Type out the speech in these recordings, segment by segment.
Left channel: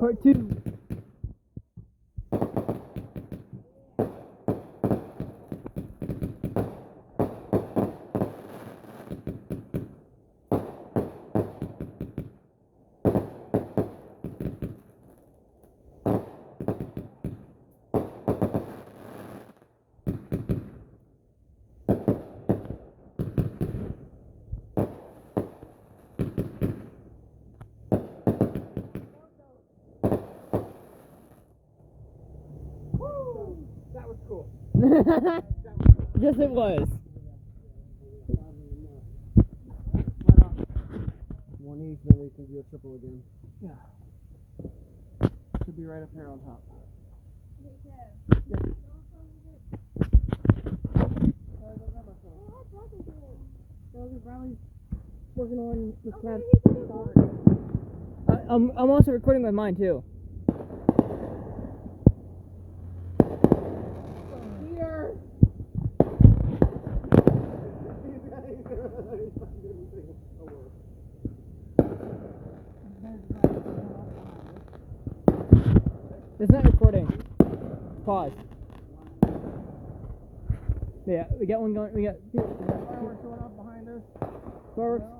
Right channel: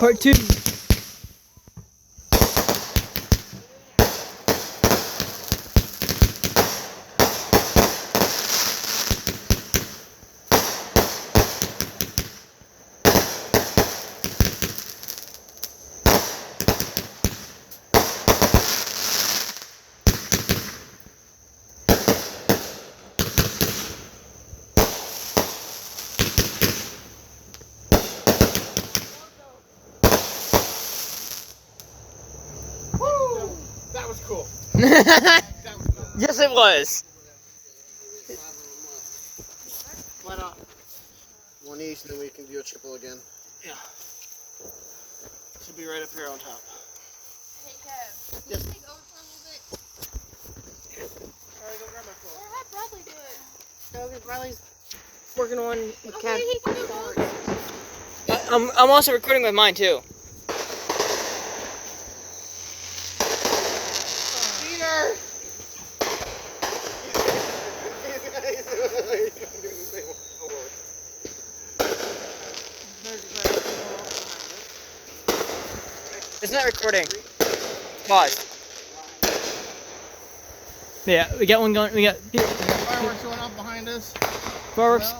Part 2. Yes, it was. Why not? One each, and then we can do a triple again. Yeah. Should be right up here on top. Hey, Kev. Yes. Can you take over for a little bit? Alright, go grab my phone. Or have Bradley do it. No, because Riley's working on with Okay, Cat. he can do it. I'm also recording with mine too. Peter! It's not recording. Pause. Yeah, we got one going. We got Fireworks going off behind us. fireworks.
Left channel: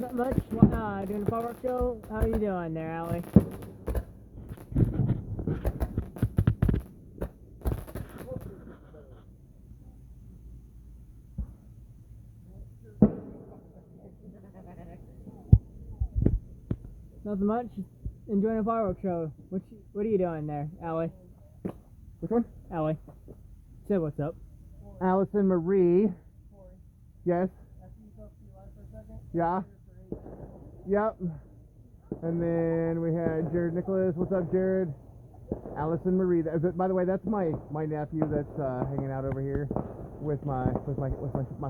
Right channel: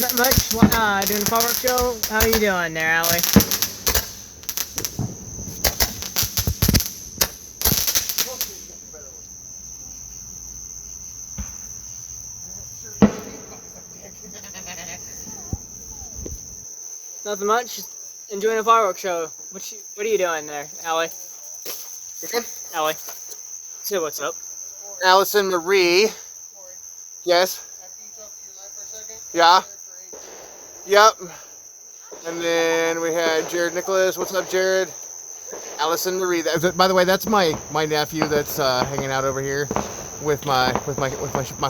Not much. Doing the fireworks show. How you doing there, Allie? Nothing much. Just enjoying a fireworks show. What are you doing there, Allie? Which one? Allie, say what's up. Allison Marie. Yes. After you talk to your life for a second. Yeah. Yep. And then we had Jared Nicholas. What's up, Jared? Allison Marie. By the way, that's my nephew that's hanging out over here with my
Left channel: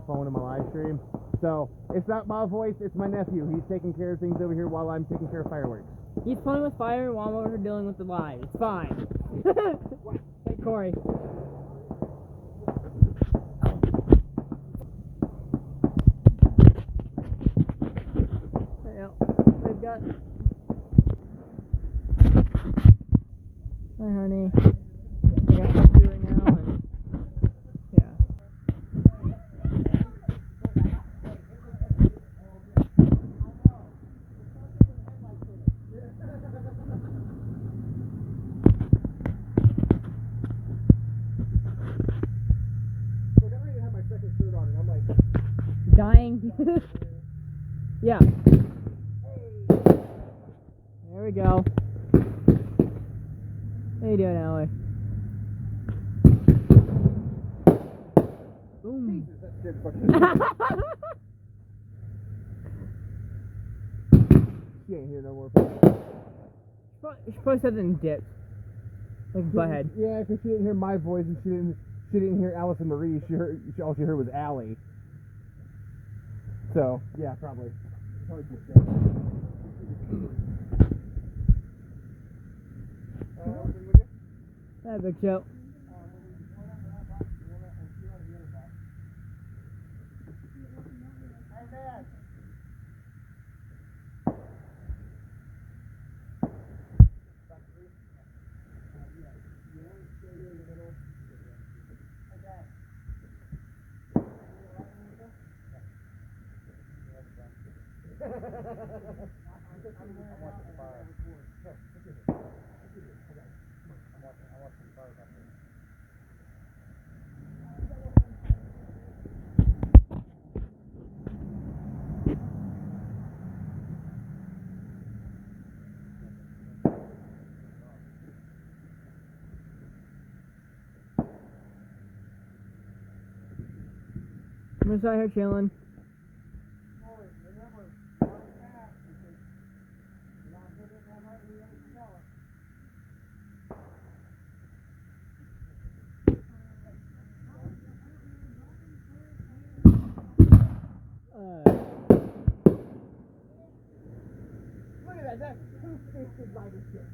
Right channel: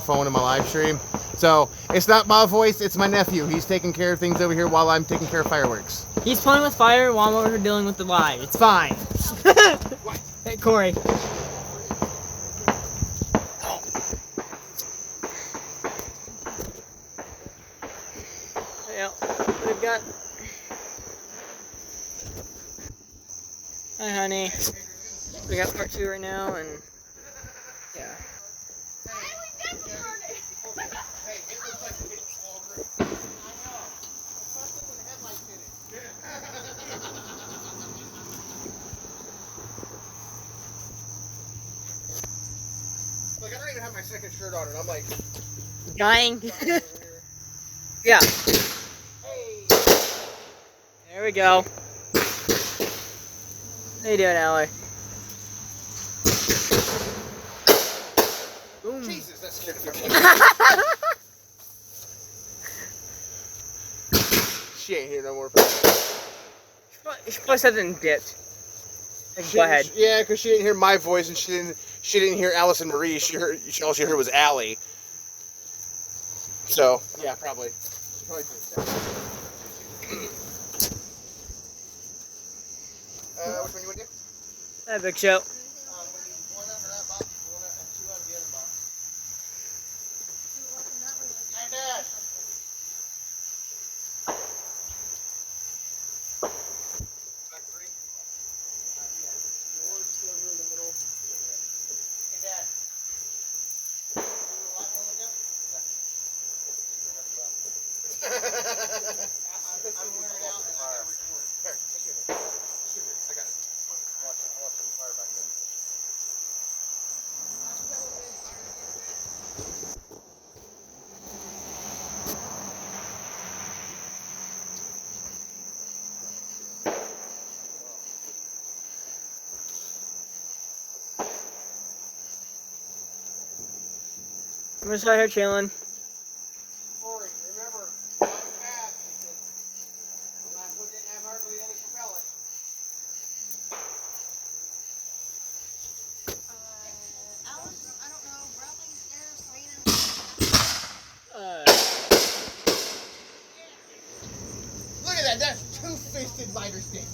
phone and my live stream. So it's not my voice, it's my nephew. He's taking care of things over here while I'm taking care of fireworks. He's playing with fire while we're dealing with the live. It's fine. Hey, Corey. Yeah, we've got. Hi, honey. We got part 2 right now, and yeah. Like, I don't even have my second shirt on, and I'm like, Dying. Yeah. There we go. How you doing, Allie? Boom. Jesus, that scared the fuck out of me. She ain't here no more. She probably said it dipped. Like, go ahead. Yeah, because she didn't hear my voice, and she didn't hear Allison Marie. All she heard was Allie. So yeah, probably. She probably did that. Which one you want to do? That big show. One under that box, one and two under the other box. Hey, Dad. Back three. Yours still here in the middle. Hey, Dad. You want one with them? I'm wearing out and I gotta record. Here, I got it. I want you to fire back there. I'm just out here chilling. Corey, remember, not fast because the last one didn't have hardly any propellant. Alice, I don't know. Bradley's there, Savannah. Look at that. That's two-fisted lighter stick.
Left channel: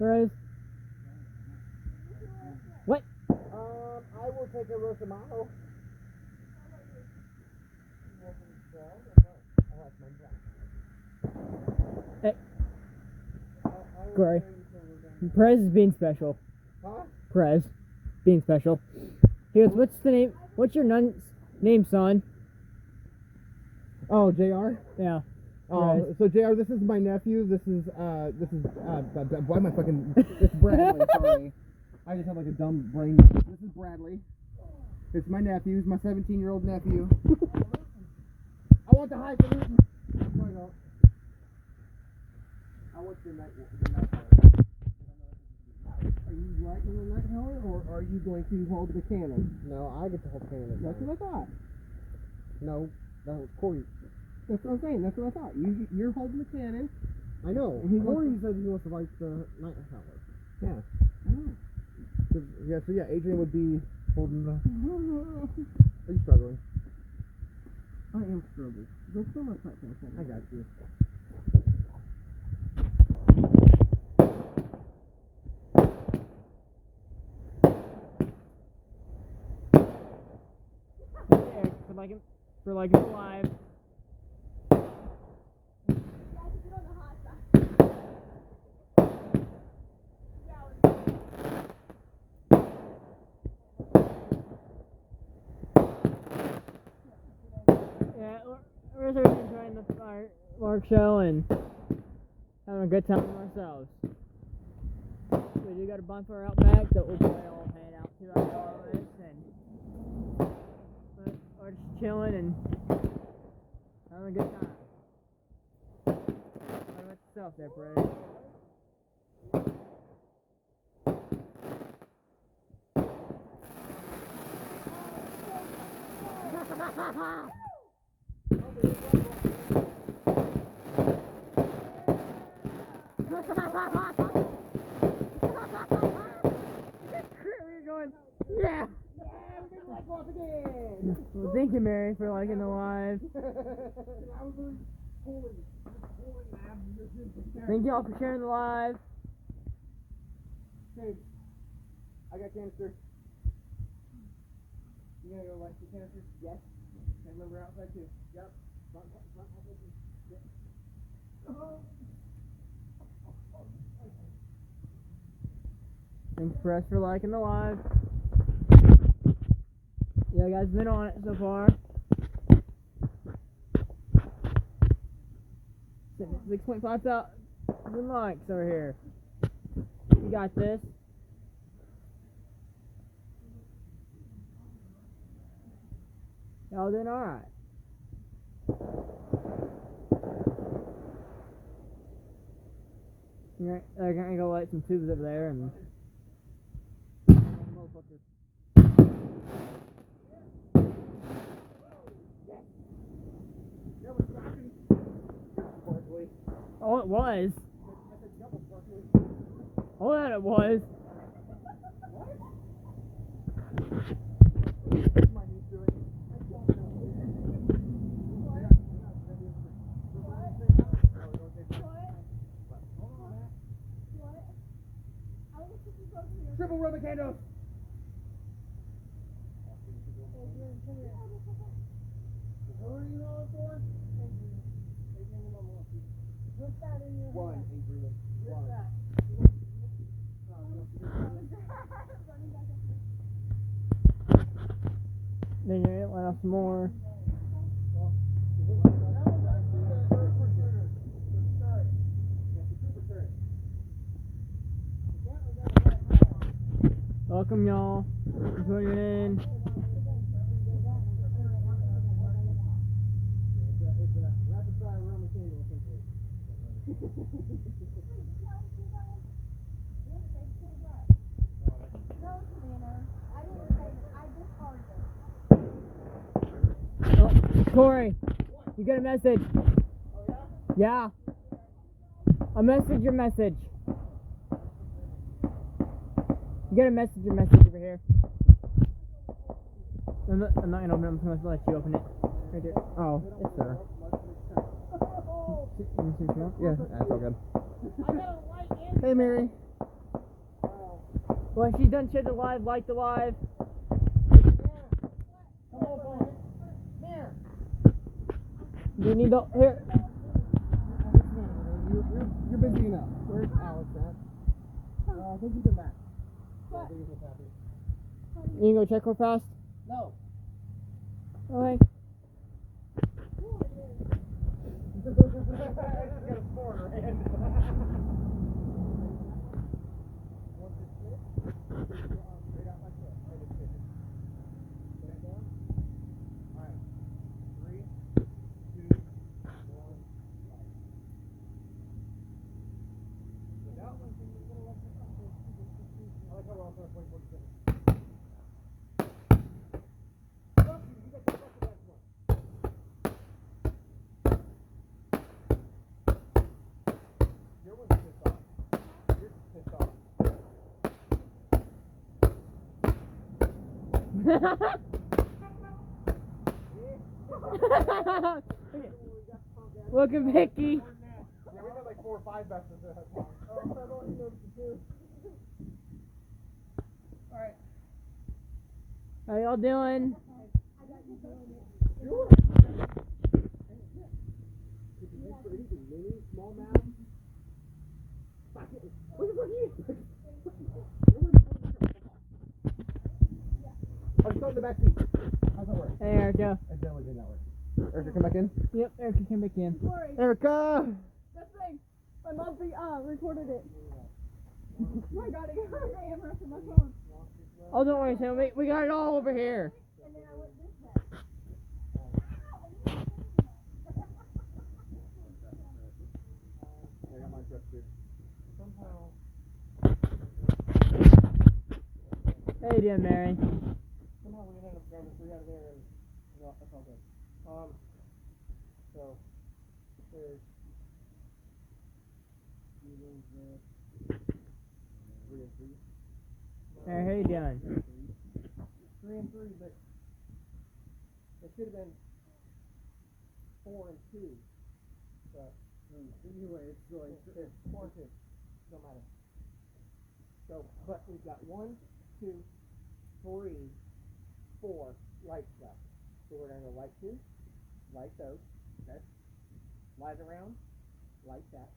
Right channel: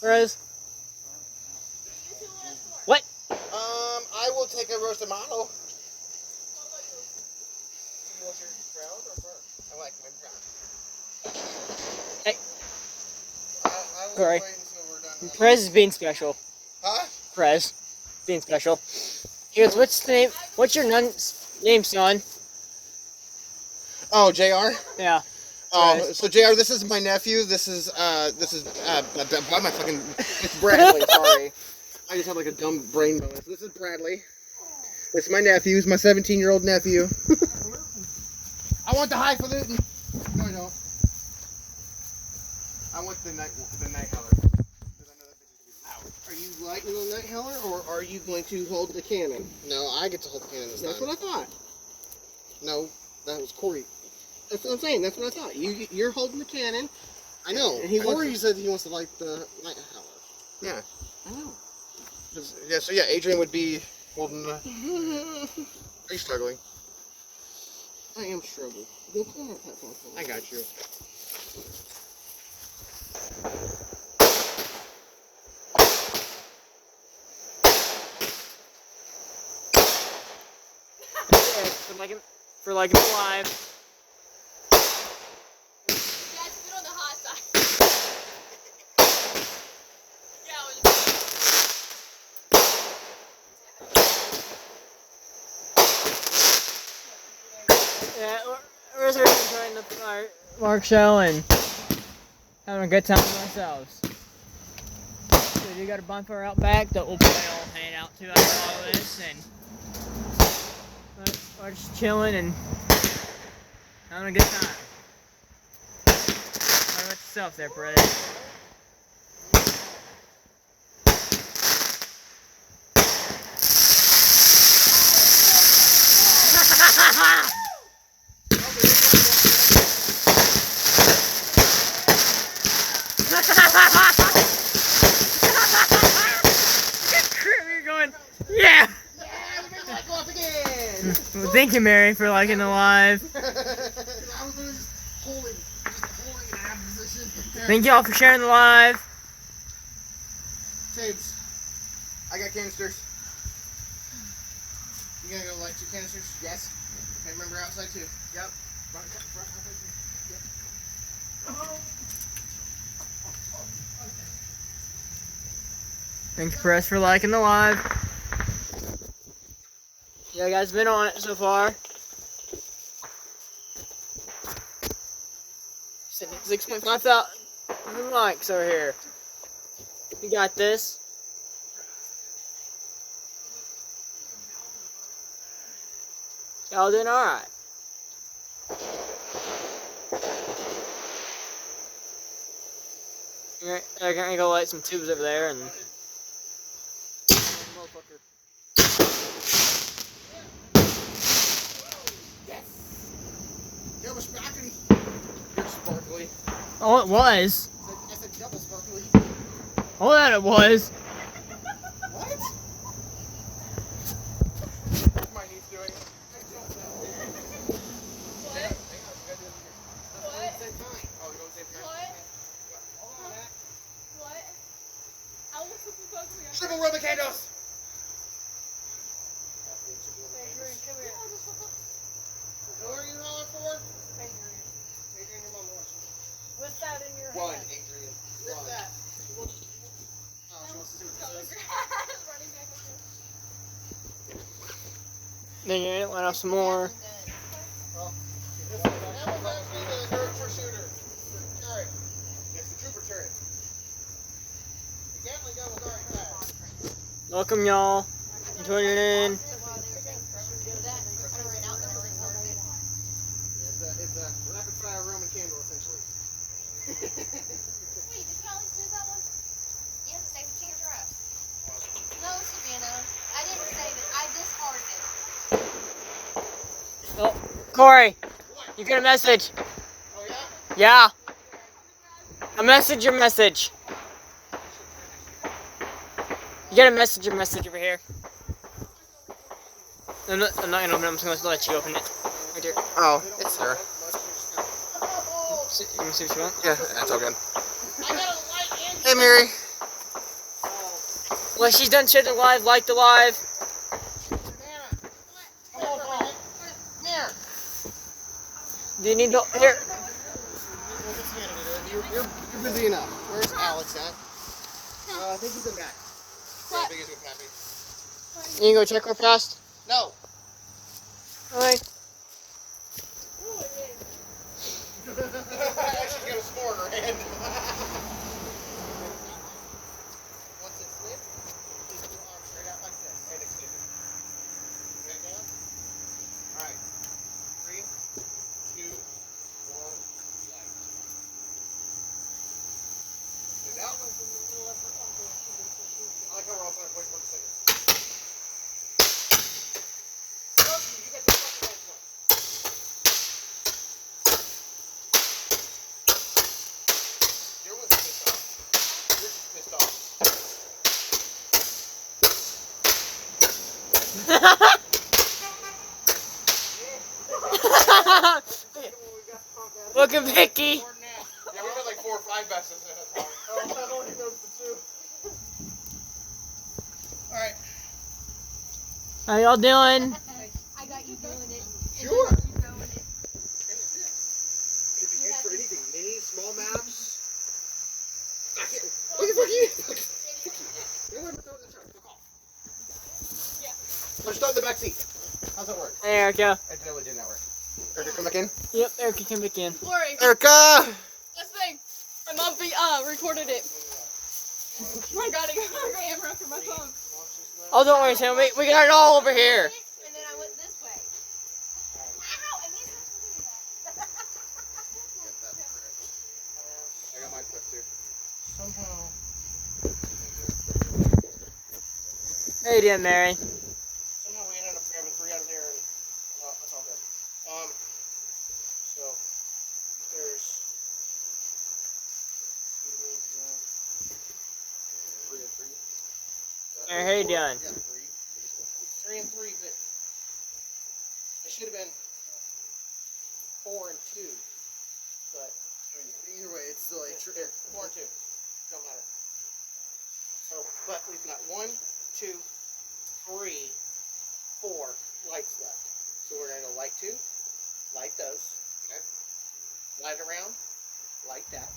Rose. What? I will take a roasted tomato. I like my brown. Hey, I will Corey. wait until we're done. Perez is being special. Huh? Perez, being special. Here's what's the name? What's your name, son? Oh, JR? Yeah. Oh, Perez. so JR, this is my nephew. This is why am I fucking? It's Bradley. Sorry, I just have like a dumb brain moment. This is Bradley. This is my nephew. He's my 17-year-old nephew. I want the highfalutin. No, I don't. I want the night howler. Because I know that thing is gonna be loud. Are you lighting the night howler, or are you going to hold the cannon? No, I get to hold the cannon this That's time. what I thought. No, that was Corey. That's what I'm saying. That's what I thought. You're holding the cannon. I know. And he Corey wants said he wants to light the night howler. Yeah. I know. Yeah. So yeah, Adrian would be holding the. Are you struggling? I am struggling. Go pull my platform. I got you. For like a live. Guys, put on the hot side. Yeah, we're sort of enjoying the firework show and having a good time with ourselves. So you got a bonfire out back that we'll probably all hang out to after all this, and we're just chilling and having a good time. How about yourself there, Brett? You're going, yeah! Well, thank you, Mary, for liking the live. Thank you all for sharing the live. James, I got canisters. You gonna go light 2 canisters? Yes. And remember outside too. Yep. Thank you, Press, for liking the live. Yeah, guys, been on it so far. Sitting at 6.5 thousand likes over here. We got this. Y'all doing alright. You're gonna go light some tubes over there and. Motherfucker. It was sparkly. You're sparkly. Oh, it was. I said double sparkly. Oh, that it was. What? My niece doing. I don't know. Triple Roman candles. Who are you hollering for? Adrian, your mom watching. With that in your One, hand. Adrian. With One. that. No, she wants to see what it is. Running back up there. Then you let off some more. Well, that was actually the trooper shooter. Turret. It's the trooper turret. You definitely got one right back. Welcome, y'all. I'm tuning in. It's a rapid fire Roman candle, essentially. Wait, did you always do that one? You have to save it to your dress. No, Savannah. I didn't save it. I discarded it. Oh, Corey, you get a message. Oh, yeah? Yeah. A message, your message. You get a message, your message over here. I'm not gonna open it, I'm just gonna let you open it. Right here. Oh, it's there. You can see what you want? Yeah, that's all good. Hey, Mary. When she's done sharing the live, like the live. Come on, Frank. Come here. Do you need help? Here. You're busy enough. Where's Alex at? I think he's in back. What? I think he's with Pappy. You can go check her past. No. Okay. She's gonna score in her hand. Once it's lit, just put your arm straight out like this and extend it. Back down. All right. 3, 2, 1, light. Get it out. I like how we're all going to 24 seconds. You got the fucking next one. You're with pissed off. You're just pissed off. Look at Vicky. More than that. Yeah, we got like 4 or 5 bets this time. I only knows the 2. All right. How y'all doing? I got you doing it. Sure. And you throwing it. Could be used for anything. Mini, small maps. Look at Vicky. I'll start in the back seat. How's that work? Hey, Erica. It definitely did not work. Erica, come back in. Yep, Erica came back in. Lori, Erica! this thing. My mom recorded it. I got a camera for my phone. Oh, don't worry, Sam. We got it all over here. And then I went this way. Ow! And he's I got mine flipped too. Somehow. How you doing, Mary? Somehow we ended up grabbing 3 out of there, and well, that's all good. So there's 3 and 3. Mary, how you doing? Yeah, 3. It's 3 and 3, but they should have been 4 and 2. But either way, it's still 4 and 2. Don't matter. So, but we've got 1, 2, 3, 4 lights left. So we're gonna go light 2, light those, okay? Light around, light that,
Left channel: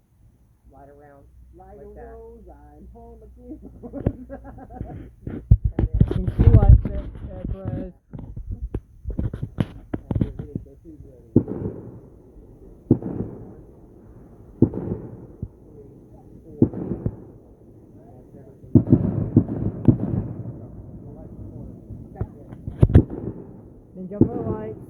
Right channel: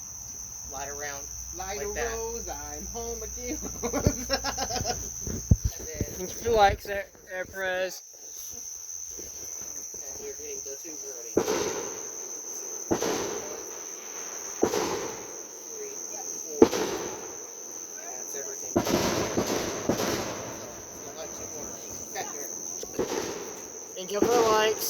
light around, light like a that. Rose, I'm home again. And then Thanks for the likes, there, Perez. and you're getting the 2s already. 1, 2, 3, 4. That's everything. So, light 2 corners. Okay, here. Thank you for the likes.